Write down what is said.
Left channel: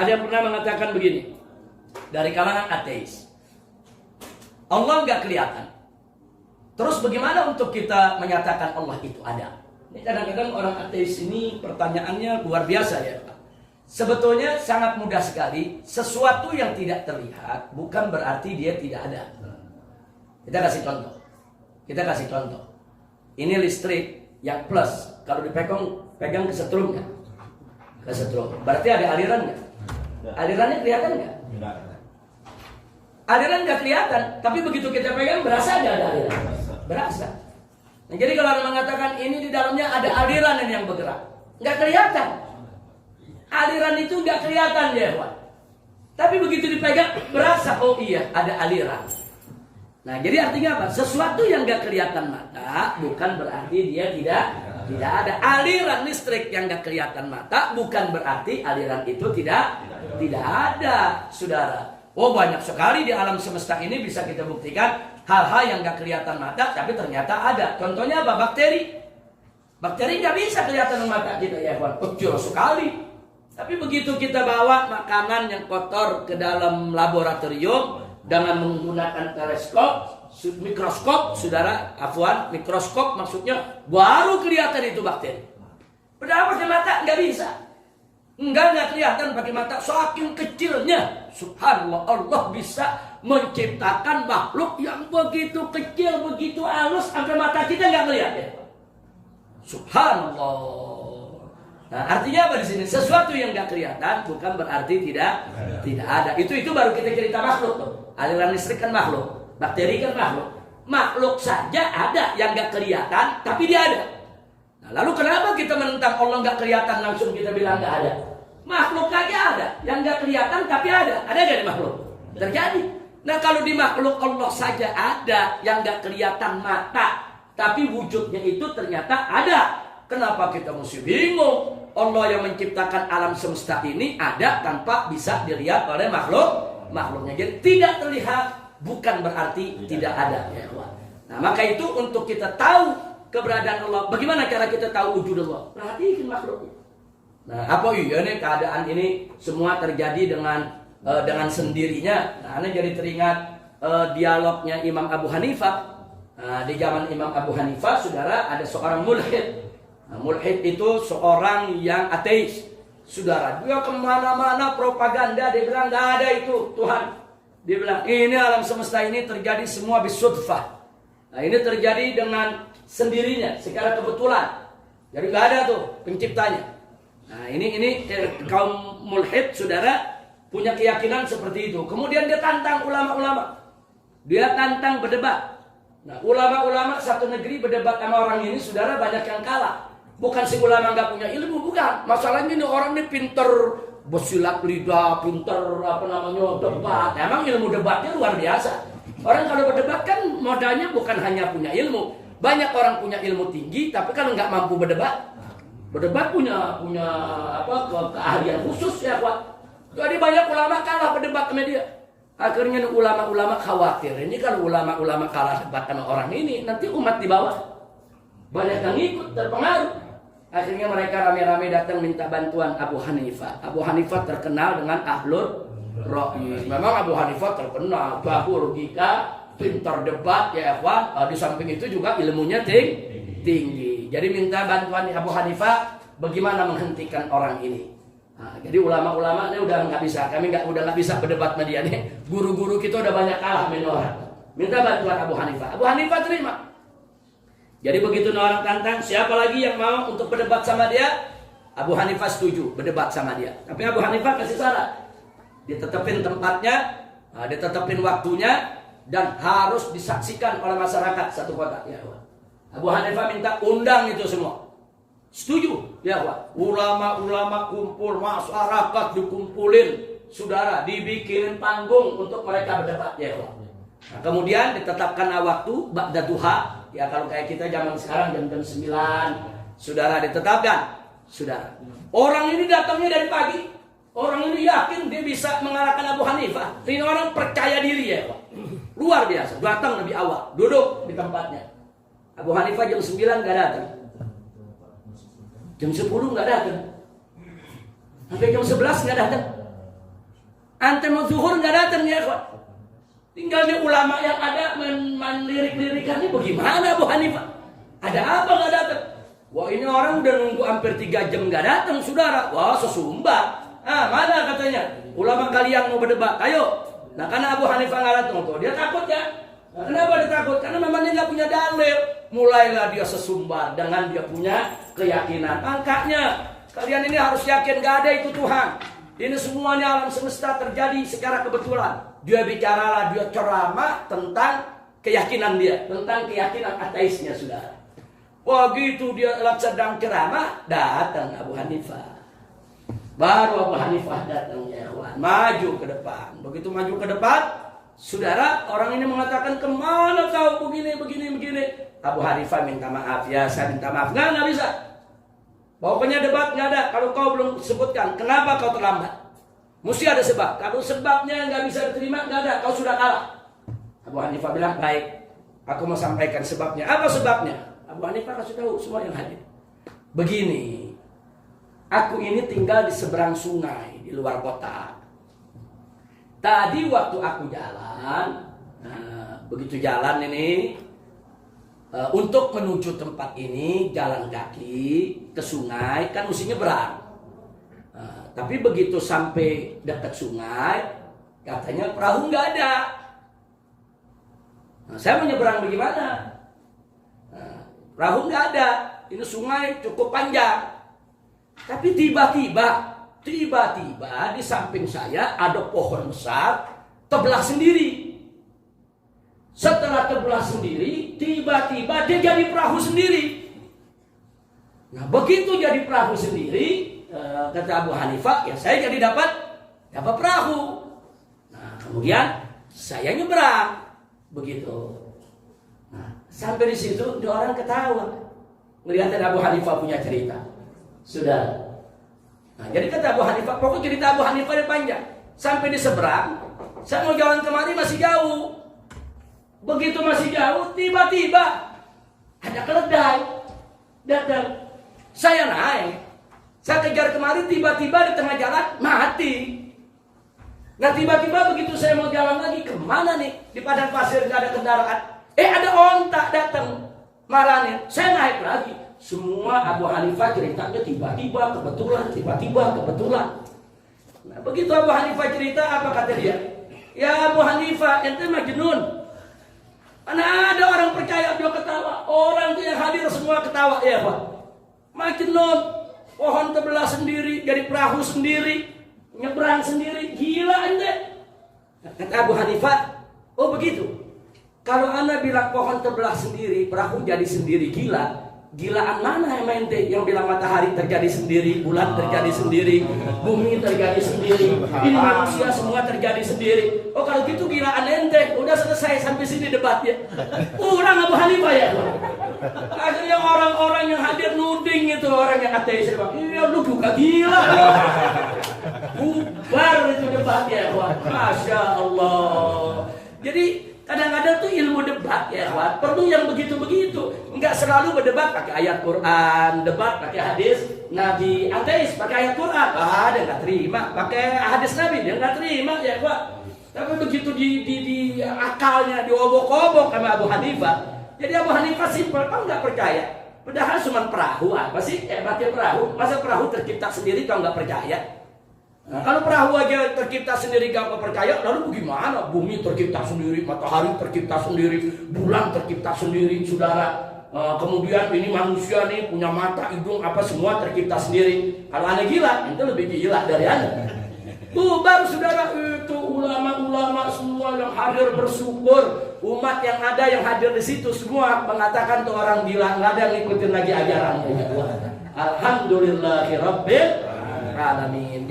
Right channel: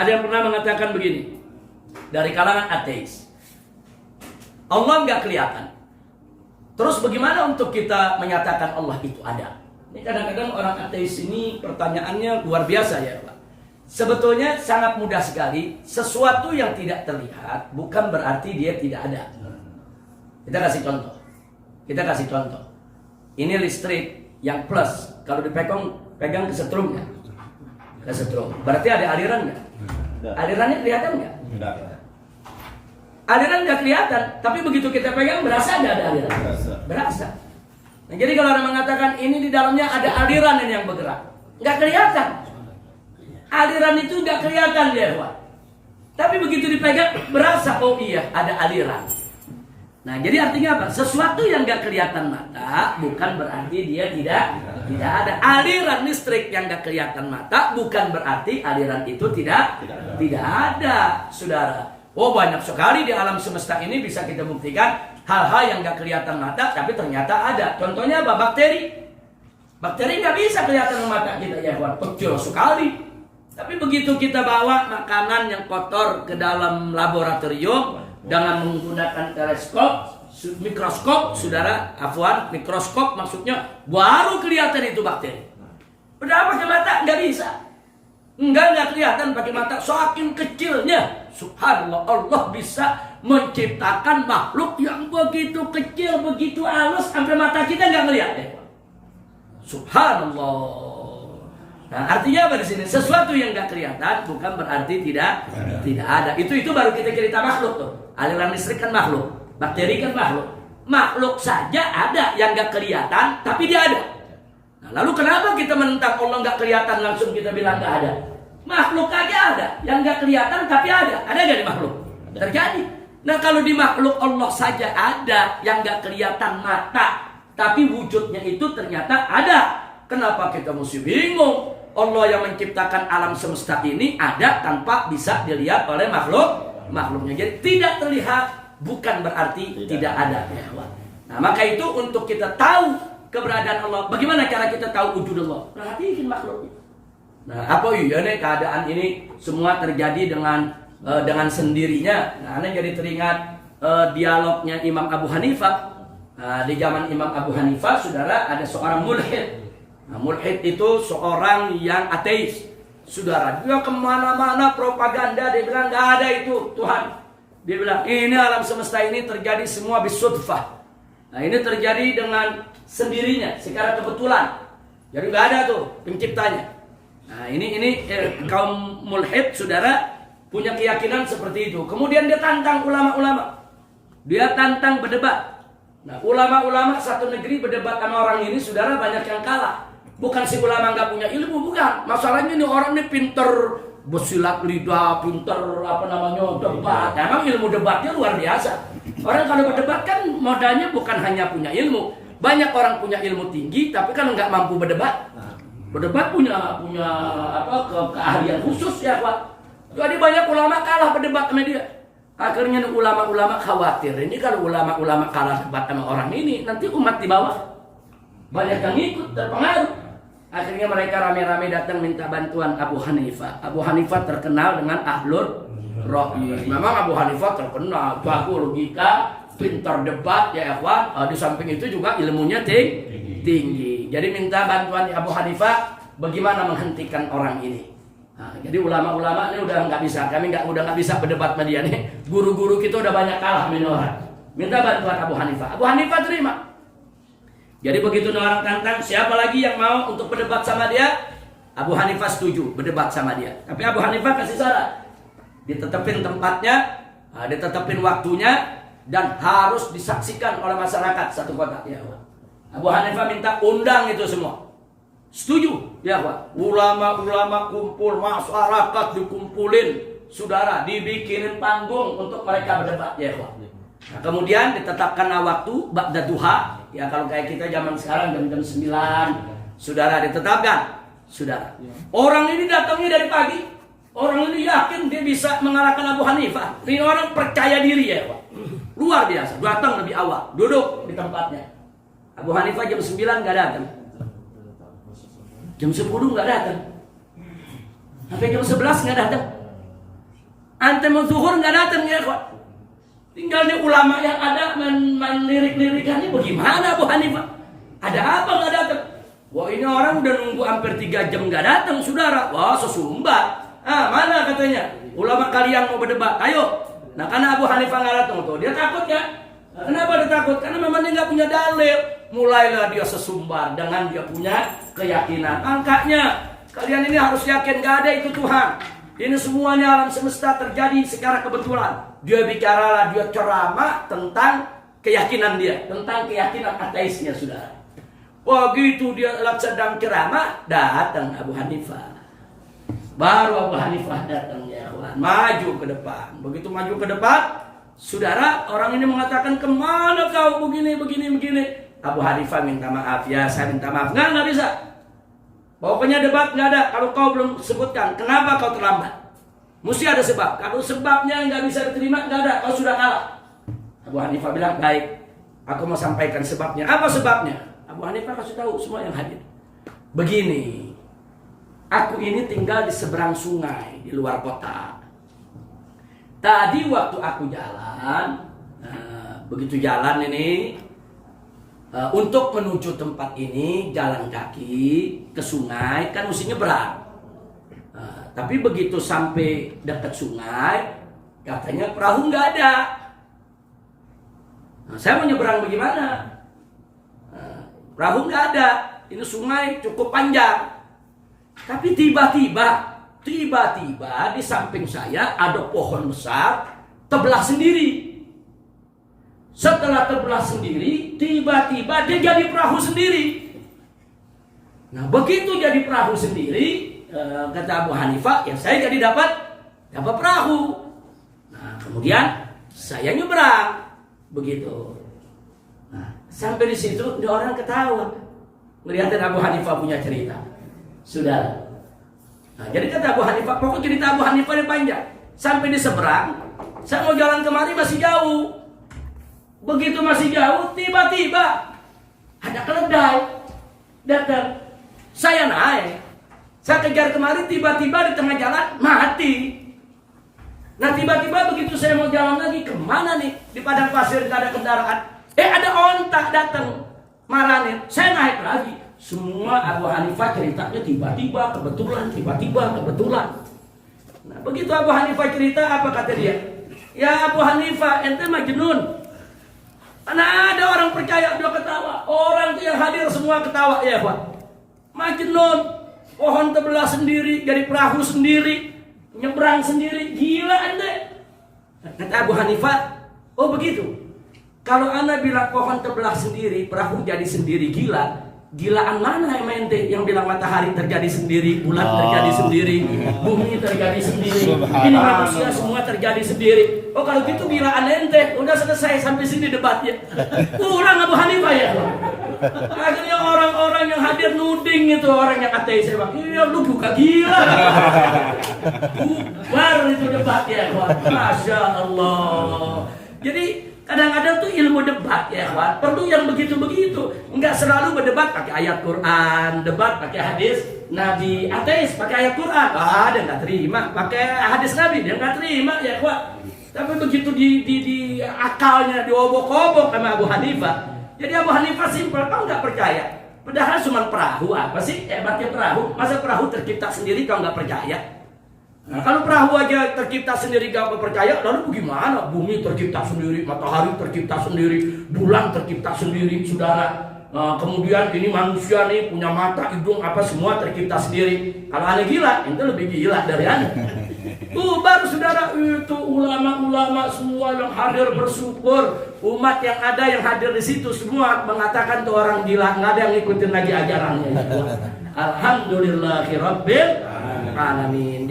Ada yang pernah mengatakan begini, dari kalangan ateis, Allah nggak kelihatan. Terus bagaimana untuk kita menyatakan Allah itu ada? Ini kadang-kadang orang ateis ini pertanyaannya luar biasa ya Pak. Sebetulnya sangat mudah sekali. Sesuatu yang tidak terlihat bukan berarti dia tidak ada. Kita kasih contoh. Ini listrik yang plus. Kalau pegang kesetrum nggak? Kesetrum. Berarti ada aliran nggak? Alirannya kelihatan nggak? Aliran nggak kelihatan, tapi begitu kita pegang berasa ada aliran. Berasa. Nah, jadi kalau orang mengatakan ini di dalamnya ada aliran yang bergerak, nggak kelihatan. Aliran itu nggak kelihatan ya, Pak. Tapi begitu dipegang berasa, oh iya ada aliran. Nah, jadi artinya apa? Sesuatu yang nggak kelihatan mata bukan berarti dia tidak ada. Aliran listrik yang nggak kelihatan mata bukan berarti aliran itu tidak ada, saudara. Oh, banyak sekali di alam semesta ini bisa kita buktikan hal-hal yang nggak kelihatan mata tapi ternyata ada. Contohnya apa? Bakteri. Bakteri nggak bisa kelihatan mata kita ya, Wan. Kecil sekali. Tapi begitu kita bawa makanan yang kotor ke dalam laboratorium dengan menggunakan mikroskop, saudara, mikroskop maksudnya baru kelihatan itu bakteri. Udah pakai mata nggak bisa. Enggak kelihatan pakai mata, saking kecilnya. Subhanallah, Allah bisa menciptakan makhluk yang begitu kecil, begitu halus sampai mata kita nggak melihat ya. Subhanallah. Nah, artinya apa di sini? Sesuatu yang nggak kelihatan bukan berarti tidak ada. Itu baru kita cerita makhluk tuh. Aliran listrik kan makhluk, bakteri kan makhluk. Makhluk saja ada yang nggak kelihatan, tapi dia ada. Nah, lalu kenapa kita menentang Allah nggak kelihatan langsung kita bilang nggak ada? Makhluk aja ada, yang nggak kelihatan tapi ada. Ada nggak di makhluk? Terjadi. Nah, kalau di makhluk Allah saja ada yang nggak kelihatan mata, tapi wujudnya itu ternyata ada. Kenapa kita mesti bingung? Allah yang menciptakan alam semesta ini ada tanpa bisa dilihat oleh makhluknya. Jadi tidak terlihat bukan berarti tidak ada. Nah, maka itu untuk kita tahu keberadaan Allah. Bagaimana cara kita tahu wujud Allah? Perhatikan makhluknya. Nah, apa iya nih keadaan ini semua terjadi dengan sendirinya. Nah, Anda jadi teringat dialognya Imam Abu Hanifah. Nah, di zaman Imam Abu Hanifah, saudara, ada seorang mulhid. Nah, mulhid itu seorang yang ateis. Saudara, dia kemana-mana propaganda, dia bilang nggak ada itu Tuhan. Dia bilang ini alam semesta ini terjadi semua bisudfah. Nah, ini terjadi dengan sendirinya, secara kebetulan. Jadi nggak ada tuh penciptanya. Nah, ini kaum mulhid, saudara, punya keyakinan seperti itu. Kemudian dia tantang ulama-ulama. Dia tantang berdebat. Nah, ulama-ulama satu negeri berdebat sama orang ini, saudara, banyak yang kalah. Bukan si ulama nggak punya ilmu, bukan. Masalahnya ini orang ini pinter bersilat lidah, pinter debat. Emang ilmu debatnya luar biasa. Orang kalau berdebat kan modalnya bukan hanya punya ilmu. Banyak orang punya ilmu tinggi, tapi kan nggak mampu berdebat. Berdebat punya keahlian khusus ya, Pak. Jadi banyak ulama kalah berdebat sama dia. Akhirnya ulama-ulama khawatir. Ini kalau ulama-ulama kalah debat sama orang ini, nanti umat di bawah banyak yang ikut terpengaruh. Akhirnya mereka rame-rame datang minta bantuan Abu Hanifah. Abu Hanifah terkenal dengan ahlur ra'yi. Memang Abu Hanifah terkenal jago logika, pintar debat ya, ikhwan. Di samping itu juga ilmunya tinggi. Jadi minta bantuan Abu Hanifah bagaimana menghentikan orang ini. Nah, jadi ulama-ulama ini udah nggak bisa, udah nggak bisa berdebat sama dia nih. Guru-guru kita udah banyak kalah sama orang. Minta bantuan Abu Hanifah. Abu Hanifah terima. Jadi begitu orang tantang, siapa lagi yang mau untuk berdebat sama dia? Abu Hanifah setuju berdebat sama dia. Tapi Abu Hanifah kasih syarat, ditetepin tempatnya, ditetepin waktunya, dan harus disaksikan oleh masyarakat satu kota. Ya, Abu Hanifah minta undang itu semua. Setuju, ya Pak. Ulama-ulama kumpul, masyarakat dikumpulin, saudara, dibikinin panggung untuk mereka berdebat, ya Pak. Nah, kemudian ditetapkan waktu ba'da duha. Ya kalau kayak kita zaman sekarang jam 9, saudara, ditetapkan. Saudara, orang ini datangnya dari pagi. Orang ini yakin dia bisa mengalahkan Abu Hanifah. Ini orang percaya diri ya, Pak. Luar biasa, datang lebih awal, duduk di tempatnya. Abu Hanifah jam 9 nggak datang. Jam 10 nggak datang. Sampai jam 11 nggak datang. Ante mau zuhur nggak datang ya ikhwan. Tinggalnya ulama yang ada main lirik-lirikannya bagaimana Abu Hanifah? Ada apa nggak datang? Wah ini orang udah nunggu hampir 3 jam nggak datang saudara. Wah sesumbar. Mana katanya? Ulama kalian mau berdebat. Ayo. Nah karena Abu Hanifah nggak datang tuh dia takut ya. Nah, kenapa dia takut? Karena memang dia nggak punya dalil. Mulailah dia sesumbar dengan dia punya keyakinan. Angkanya kalian ini harus yakin nggak ada itu Tuhan. Ini semuanya alam semesta terjadi secara kebetulan. Dia bicaralah, dia ceramah tentang keyakinan dia, tentang keyakinan ateisnya saudara. Begitu dia sedang ceramah, datang Abu Hanifah. Baru Abu Hanifah datang ya kawan, maju ke depan. Begitu maju ke depan, saudara orang ini mengatakan kemana kau begini. Abu Hanifah minta maaf ya, saya minta maaf. Nggak bisa. Pokoknya debat nggak ada kalau kau belum sebutkan kenapa kau terlambat. Mesti ada sebab. Kalau sebabnya nggak bisa diterima nggak ada, kau sudah kalah. Abu Hanifah bilang baik, aku mau sampaikan sebabnya. Apa sebabnya? Abu Hanifah kasih tahu semua yang hadir. Begini, aku ini tinggal di seberang sungai di luar kota. Tadi waktu aku jalan, begitu jalan ini. Untuk menuju tempat ini jalan kaki ke sungai kan mesti nyebrang. Tapi begitu sampai dekat sungai katanya perahu nggak ada. Saya mau nyebrang bagaimana? Perahu nggak ada. Ini sungai cukup panjang. Tapi tiba-tiba di samping saya ada pohon besar terbelah sendiri. Setelah terbelah sendiri, tiba-tiba dia jadi perahu sendiri. Nah, begitu jadi perahu sendiri, kata Abu Hanifah, ya saya jadi dapat perahu. Nah, kemudian saya nyebrang, begitu. Nah, sampai di situ, dia orang ketawa. Melihatin Abu Hanifah punya cerita. Sudah. Nah, jadi kata Abu Hanifah, pokok cerita Abu Hanifah ini panjang. Sampai di seberang, saya mau jalan kemari masih jauh. Begitu masih jauh, tiba-tiba ada keledai datang. Saya naik, saya kejar kemari, tiba-tiba di tengah jalan mati. Nah tiba-tiba begitu saya mau jalan lagi, kemana nih? Di padang pasir nggak ada kendaraan. Ada onta datang, maranin. Saya naik lagi. Semua Abu Hanifah ceritanya tiba-tiba, kebetulan. Nah begitu Abu Hanifah cerita, apa kata dia? Ya Abu Hanifah, ente majnun. Mana ada orang percaya dia ketawa. Orang itu yang hadir semua ketawa ya Pak. Majnun. Pohon terbelah sendiri, jadi perahu sendiri, nyebrang sendiri. Gila ente. Kata Abu Hanifah, oh begitu. Kalau anda bilang pohon terbelah sendiri, perahu jadi sendiri, gila. Gilaan mana yang ente yang bilang matahari terjadi sendiri, bulan terjadi sendiri, bumi terjadi sendiri, ini manusia semua terjadi sendiri. Oh kalau gitu gilaan ente. Udah selesai sampai sini debatnya. Kurang Abu Hanifah ya. Akhirnya orang-orang yang hadir nuding itu orang yang ateis. Saya bilang, iya lu juga gila. Bubar itu debatnya. Masya Allah. Jadi kadang-kadang tuh ilmu debat ya kawan, perlu yang begitu-begitu. Enggak selalu berdebat pakai ayat Quran, debat pakai hadis Nabi. Ateis pakai ayat Quran, dia nggak terima. Pakai hadis Nabi, dia nggak terima ya kawan. Tapi begitu di akalnya diobok-obok sama Abu Hanifah. Jadi Abu Hanifah simpel, kau nggak percaya. Padahal cuma perahu, apa sih hebatnya perahu? Masa perahu tercipta sendiri kau nggak percaya? Nah, kalau perahu aja tercipta sendiri gak percaya, lalu bagaimana? Bumi tercipta sendiri, matahari tercipta sendiri, bulan tercipta sendiri, saudara. Kemudian ini manusia nih punya mata, hidung, apa semua tercipta sendiri. Kalau aneh gila, itu lebih gila dari aneh. Baru saudara itu ulama-ulama semua yang hadir bersyukur. Umat yang ada yang hadir di situ semua mengatakan tuh orang gila, nggak ada yang ngikutin lagi ajarannya. Alhamdulillahirabbil alamin.